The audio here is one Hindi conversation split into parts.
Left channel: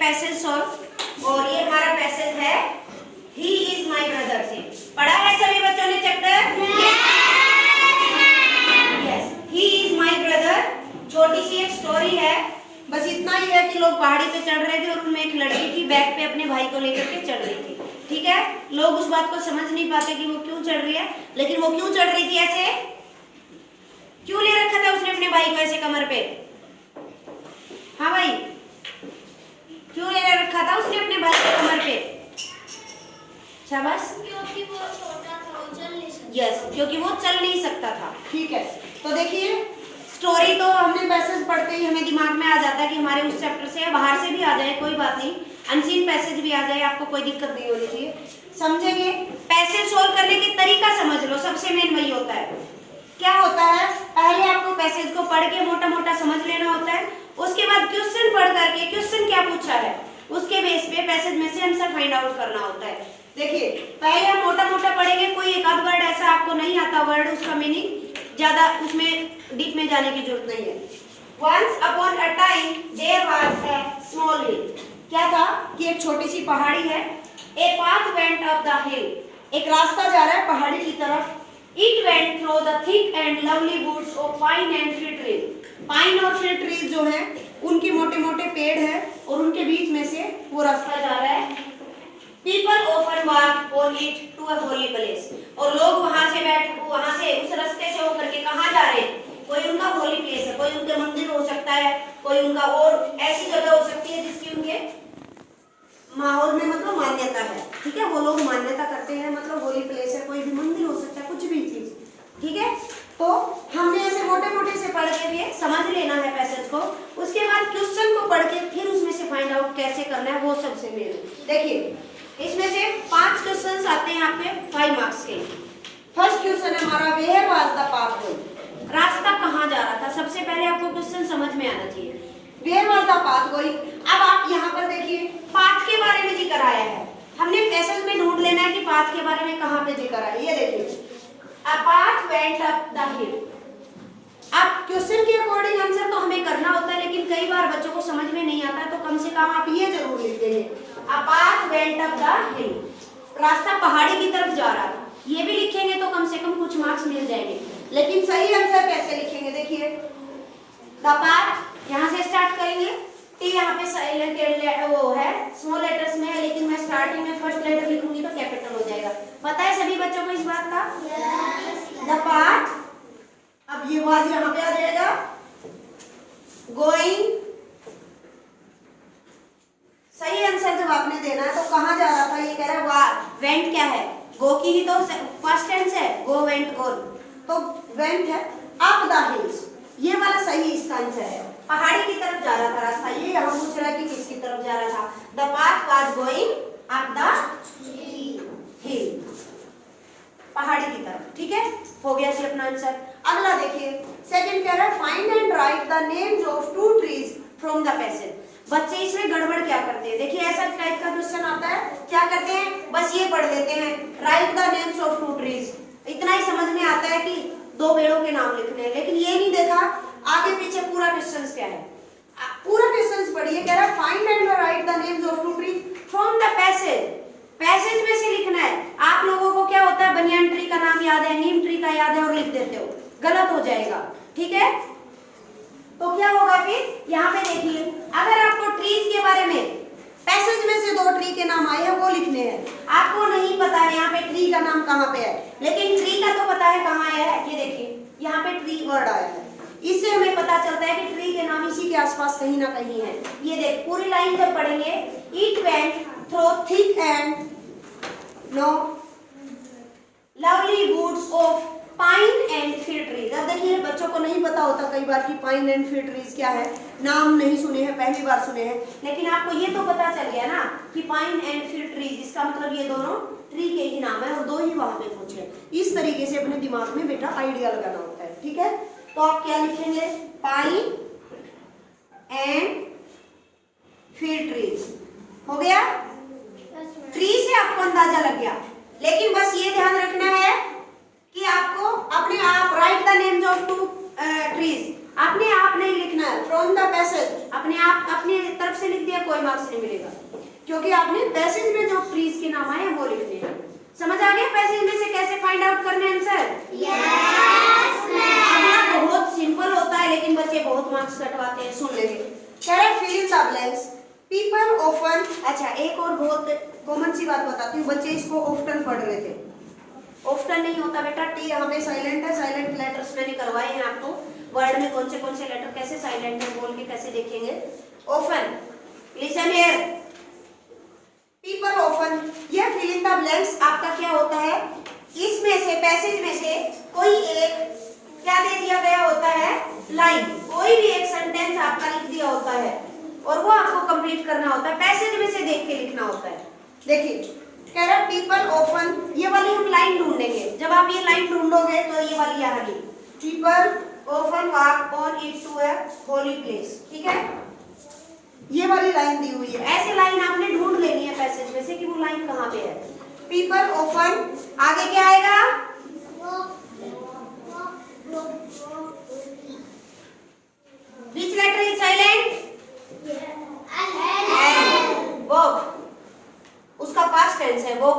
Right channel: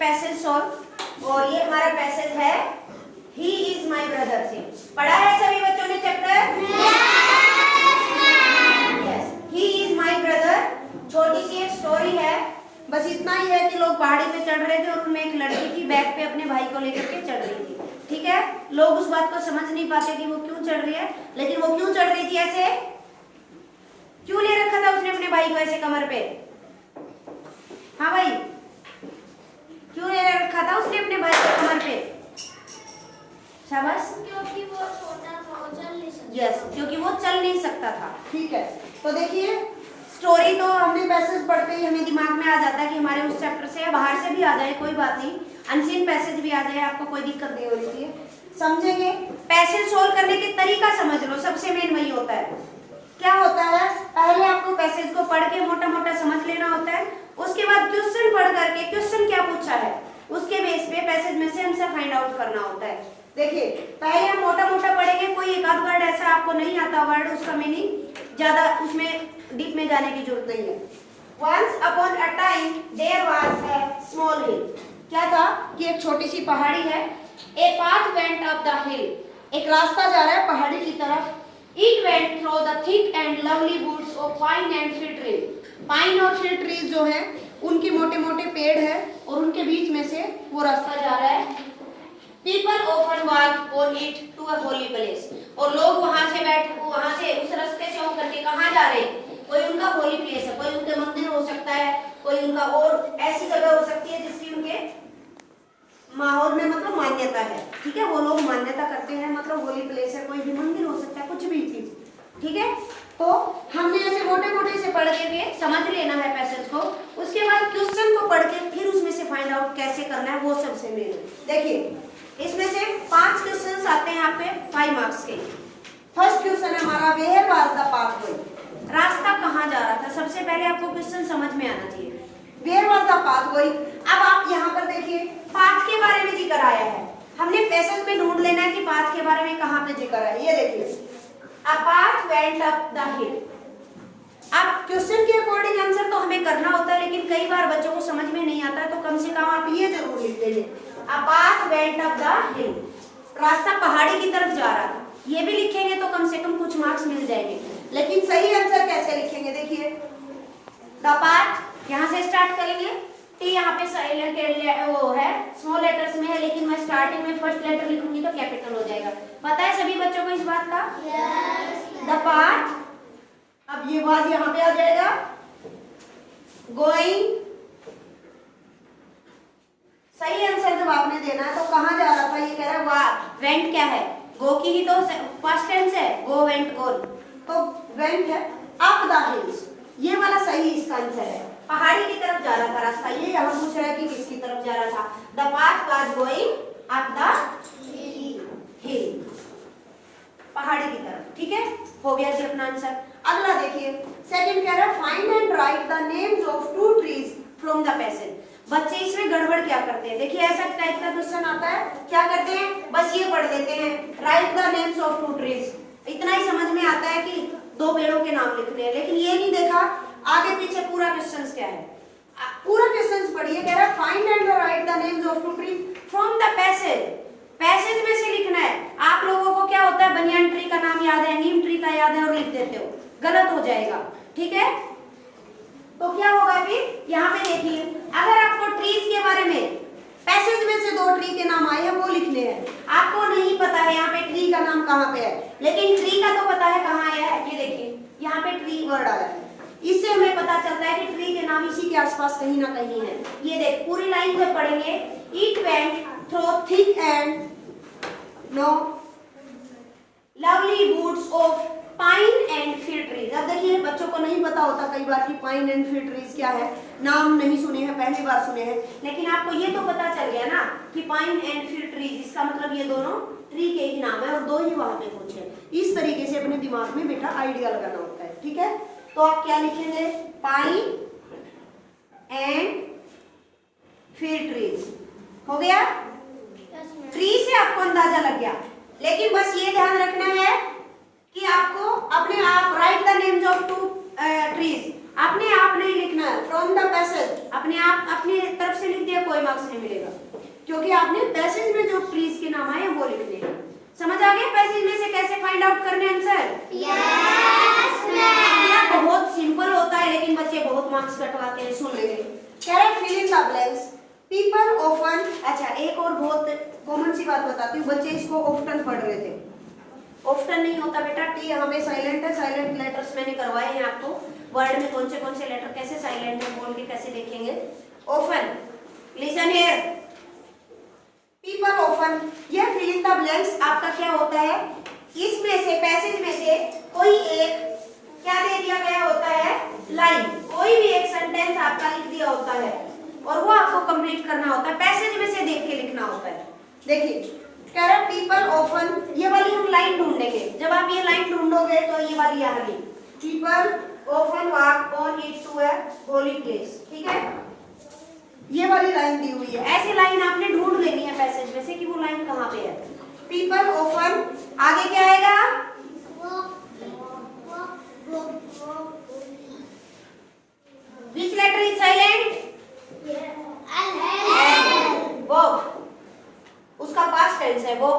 पैसेज सॉल्व, और ये हमारा पैसेज है ही इज माई ब्रदर से। पढ़ा है सभी बच्चों ने chapter? Yes, he is my brother. छोटी सी एक स्टोरी है, बस इतना ही है कि लोग पहाड़ी पे चढ़ रहे थे और उनमें एक लड़की थी बैक पे अपने भाई को लेकर के चढ़ रही थी। ठीक है, लोग उस बात को समझ नहीं पाते कि वो क्यों चढ़ रही है, लेकिन वो क्यों चढ़ रही थी ऐसे, क्यों ले रखा था उसने अपने भाई को ऐसे कमर पे? हाँ भाई, क्यों ले रखा था उसने अपने भाई को कमर पे? शाबाश। क्योंकि वो छोटा था, वो चल नहीं सकता। यस, क्योंकि वो चल नहीं सकता था। ठीक है, तो देखिए स्टोरी तो हमने पैसेज पढ़ते ही हमें दिमाग में आ जाता है कि हमारे उस चैप्टर से बाहर से भी आ जाए कोई बात नहीं, अनसीन पैसेज भी आ जाए, आपको कोई दिक्कत नहीं होनी चाहिए। समझेंगे? पैसेज सोल्व करने की तरीका समझ लो, सबसे मेन वही होता है। क्या होता है, पहले आपको पैसेज को पढ़ के मोटा मोटा समझ लेना होता है, उसके बाद क्वेश्चन पढ़ करके क्वेश्चन क्या पूछा है उसके बेस पे पैसेज में से आंसर फाइंड आउट करना होता है। देखिए पहले हम मोटा मोटा पढ़ेंगे, कोई एक आध वर्ड ऐसा आपको नहीं आता वर्ड, उसका मीनिंग ज्यादा उसमें डीप में जाने की जरूरत नहीं है। Once upon a time there was a small hill। क्या था कि एक छोटी सी पहाड़ी है। A path went up the hill। एक रास्ता जा रहा है पहाड़ी की तरफ। It went through the thick and lovely woods of pine and fir trees। Pine और फिर ट्रीज जो हैं उनके मोटे मोटे पेड़ हैं और उनके बीच में से वो रास्ता जा रहा है। People often walk on it to a holy place। और लोग वहां से उस रास्ते से होकर के कहाँ जा रहे हैं? कोई उनका होली प्लेस है, कोई उनके मंदिर हो सकता है, कोई उनका और ऐसी जगह हो सकती है जिसकी उनके माहौल में मतलब मान्यता है। ठीक है, वो लोग मान्यता करते हैं, मतलब होली प्लेस है, कोई भी मंदिर हो सकता है, कुछ भी चीज। ठीक है, तो हमने ऐसे मोटे मोटे से पढ़ के समझ लेना है पैसेज को, उसके बाद क्वेश्चन को पढ़ के फिर उसमें से फाइंड आउट कैसे करना है वो सबसे मेन। देखिए इसमें से 5 क्वेश्चंस आते हैं यहाँ पे 5 मार्क्स के। फर्स्ट क्वेश्चन है हमारा, वेयर वाज द पाथवे। रास्ता कहाँ जा रहा था, सबसे पहले आपको क्वेश्चन समझ में आना चाहिए। Where was the pathway. अब आप यहाँ पर देखिए पाथ के बारे में जिक्र आया है, हमने पैसेज में ढूंढ लेना है कि पाथ के बारे में कहाँ पे जिक्र है। ये देखिए A path went up the hill। अब क्वेश्चन के अकॉर्डिंग आंसर तो हमें करना होता है, लेकिन कई बार बच्चों को समझ में नहीं आता है, तो कम से कम आप ये जरूर लिख देंगे A path went up the hill। रास्ता पहाड़ी की तरफ जा रहा था, ये भी लिखेंगे तो कम से कम कुछ मार्क्स मिल जाएंगे। लेकिन सही आंसर कैसे लिखेंगे, देखिए द पाथ यहाँ से स्टार्ट करेंगे। टी यहाँ पे वो है स्मॉल लेटर्स में है, लेकिन मैं स्टार्टिंग में फर्स्ट लेटर लिखूंगी तो कैपिटल हो जाएगा। पता है सभी बच्चों को इस बात का? द पाथ, अब ये वाज यहाँ पे आ जाएगा। गोइंग, सही आंसर जब आपने देना है तो कहाँ जा रहा था, ये कह रहा है वेंट क्या है, गो की ही तो फर्स्ट टेंस है, गो वेंट गोन, तो वेंट है अप द हिल्स, ये वाला सही इसका आंसर है। पहाड़ी की तरफ जा रहा था रास्ता, ये यहाँ पूछ रहा है कि किसकी तरफ जा रहा था। The path was going up the हिल, पहाड़ी की तरफ। ठीक है, हो गया जी अपना आंसर। अगला देखिए सेकंड कह रहा है find and right the names of 2 trees from the passage. बच्चे इसमें गड़बड़ क्या करते हैं, देखिए ऐसा टाइप का क्वेश्चन आता है, क्या करते हैं बस ये पढ़ लेते हैं right the names of 2 trees, इतना ही समझ में आता है कि 2 पेड़ों के नाम लिखने हैं, लेकिन ये नहीं देखा आगे पीछे पूरा क्वेश्चन क्या है। पूरा क्वेश्चन पढ़िए, कह रहा है find and right the names of 2 trees from the passage. Passage में से लिखना है। आप लोगों को क्या होता है, बनियान ट्री का नाम याद है, नीम ट्री का याद है और लिख देते हो, गलत हो जाएगा। ठीक है, तो क्या होगा फिर यहाँ पे देखिए, अगर आपको ट्रीज के बारे में पैसेज में से 2 ट्री के नाम आए हैं वो लिखने हैं, आपको नहीं पता है यहाँ पे ट्री का नाम कहाँ पे है, लेकिन ट्री का तो पता है कहाँ आया है। ये देखिए यहाँ पे ट्री वर्ड आया है, इससे हमें पता चलता है कि ट्री के नाम इसी के आसपास कहीं ना कहीं है। ये देख पूरी लाइन जब पढ़ेंगे, it went through thick and no lovely woods of pine and fir trees. अब देखिए बच्चों को नहीं पता होता कई बार कि पाइन एंड फिर ट्रीज क्या है, नाम नहीं सुने हैं, पहली बार सुने हैं, लेकिन आपको ये तो पता चल गया ना कि पाइन एंड फिर ट्रीज, इसका मतलब ये दोनों ट्री के ही नाम है और 2 ही वहां पे पूछे। इस तरीके से अपने दिमाग में बेटा आइडिया लगाना होता है। ठीक है, तो आप क्या लिखेंगे, पाइन एंड फिर ट्रीज। हो गया, ट्री से आपको अंदाजा लग गया, लेकिन बस ये ध्यान रखना है कि आपको अपने आप right the names of 2 trees, अपने आप नहीं लिखना है, फ्रॉम द पैसेज अपने आप अपनी तरफ से लिख दिया कोई मार्क्स नहीं मिलेगा, क्योंकि आपने पैसेज में जो ट्रीज के नाम आए हैं वो लिखने हैं। समझ आ गया पैसेज में से कैसे फाइंड आउट करने आंसर? Yes ma'am. अगला बहुत सिंपल होता है लेकिन बच्चे बहुत मार्क्स कटवाते हैं, सुन लेंगे। कह रहे fill in the blanks people often. अच्छा, एक और बहुत कॉमन सी बात बताती हूँ, बच्चे इसको ऑफ्टन पढ़ रहे थे। ऑफ्टन नहीं होता बेटा, टी यहाँ पे साइलेंट है, साइलेंट लेटर्स मैंने करवाए हैं आपको। वर्ड में कौन से लेटर कैसे साइलेंट है बोल के कैसे देखेंगे। Often, listen here, people often, ये फिल इन द ब्लैंक्स आपका क्या होता है, इसमें से पैसेज में से कोई एक क्या दे दिया गया होता है, लाइन, कोई भी एक सेंटेंस आपका लिख दिया होता है और वो आपको कंप्लीट करना होता है, पैसेज में से देख के लिखना होता है। देखिए कह रहा है पीपल ऑफन, ये वाली हम लाइन ढूंढेंगे। जब आप ये लाइन ढूंढोगे तो ये वाली आ गई, people often walk on it to a holy place, ठीक है, ये वाली लाइन दी हुई है। ऐसे लाइन आपने ढूंढ लेनी है पैसेज में से कि वो लाइन कहाँ पे है। पीपल ऑफन, आगे क्या आएगा, which letter is silent? Walk, उसका पास्ट टेंस है, वो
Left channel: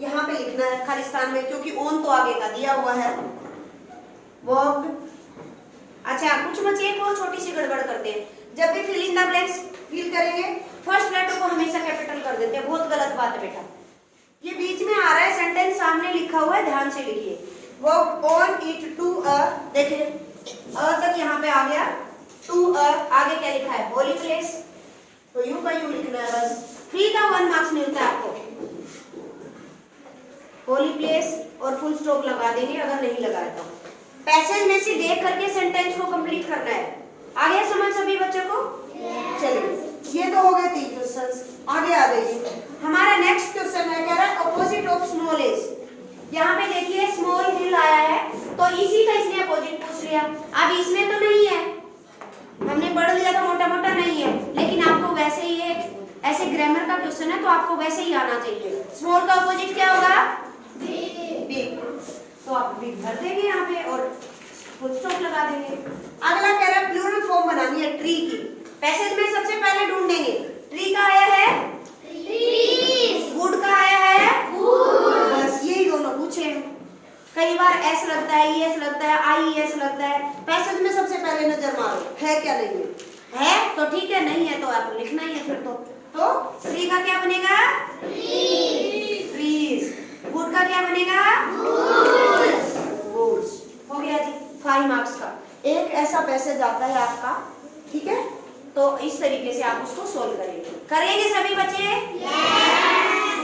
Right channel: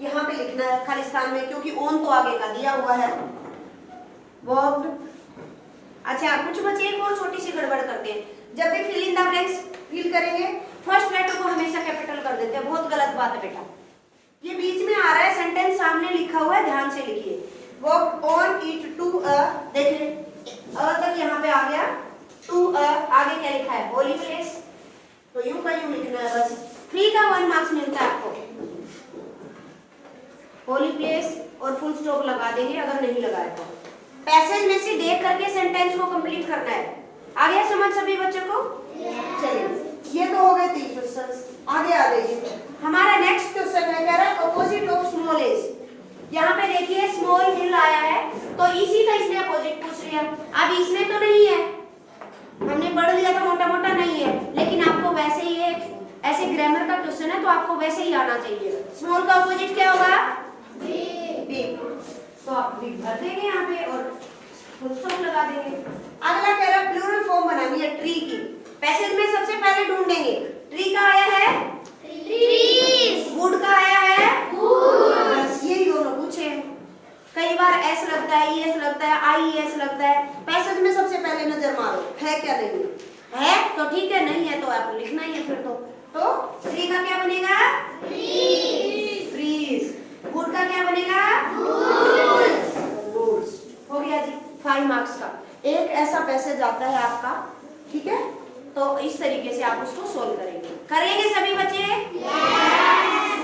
यहाँ पे लिखना है खालिस्तान में, क्योंकि ऑन तो आगे का दिया हुआ है, वॉक्ड। अच्छा, कुछ बच्चे एक और छोटी सी गड़बड़ करते हैं, जब भी fill in the blanks fill करेंगे फर्स्ट लेटर को हमेशा कैपिटल कर देते हैं, बहुत गलत बात है बेटा। ये बीच में आ रहा है, सेंटेंस सामने लिखा हुआ है, ध्यान से लिखिए। Walk on it to a, देखिए अ तक यहाँ पे आ गया, टू अ आगे क्या लिखा है, होली प्लेस, तो यू का यू लिखना है बस। 3 का 1 मार्क्स मिलता है आपको, होली प्लेस और फुल स्टॉप लगा देंगे अगर नहीं लगाया तो। पैसेज में से देख करके सेंटेंस को कंप्लीट करना है। आ गया समझ सभी बच्चों को? चलिए, ये तो हो गए 3 क्वेश्चंस, आगे आ जाइए। हमारा नेक्स्ट क्वेश्चन है, कह रहा है अपोजिट ऑफ स्मॉल एज। यहाँ पे देखिए स्मॉल हिल आया है, तो इसी का इसने अपोजिट पूछ लिया। अब इसमें तो नहीं है, हमने पढ़ लिया था मोटा मोटा नहीं है, लेकिन आपको वैसे ही एक ऐसे ग्रामर का क्वेश्चन है तो आपको वैसे ही आना चाहिए। स्मॉल का अपोजिट क्या होगा, बिग, तो आप बिग भर देंगे यहाँ पे और फुल स्टॉप लगा देंगे। अगला कह रहा है प्लूरल फॉर्म बनानी है ट्री की। पैसेज में सबसे पहले ढूंढेंगे, ट्री का आया है ट्रीज, वुड का आया है वुड, बस यही दोनों पूछे हैं। कई बार एस लगता है, ईएस लगता है, आईएस लगता है, पैसेज में सबसे पहले नजर मारो है क्या नहीं है तो ठीक है, नहीं है तो आपको लिखना ही है फिर तो ट्री का क्या बनेगा, ट्रीज, वुड का क्या बनेगा, वुड्स। हो गया जी, 5 मार्क्स का एक ऐसा पैसेज आता है आपका, ठीक है, तो इस तरीके से आप उसको सोल्व करेंगे। करेंगे सभी बच्चे?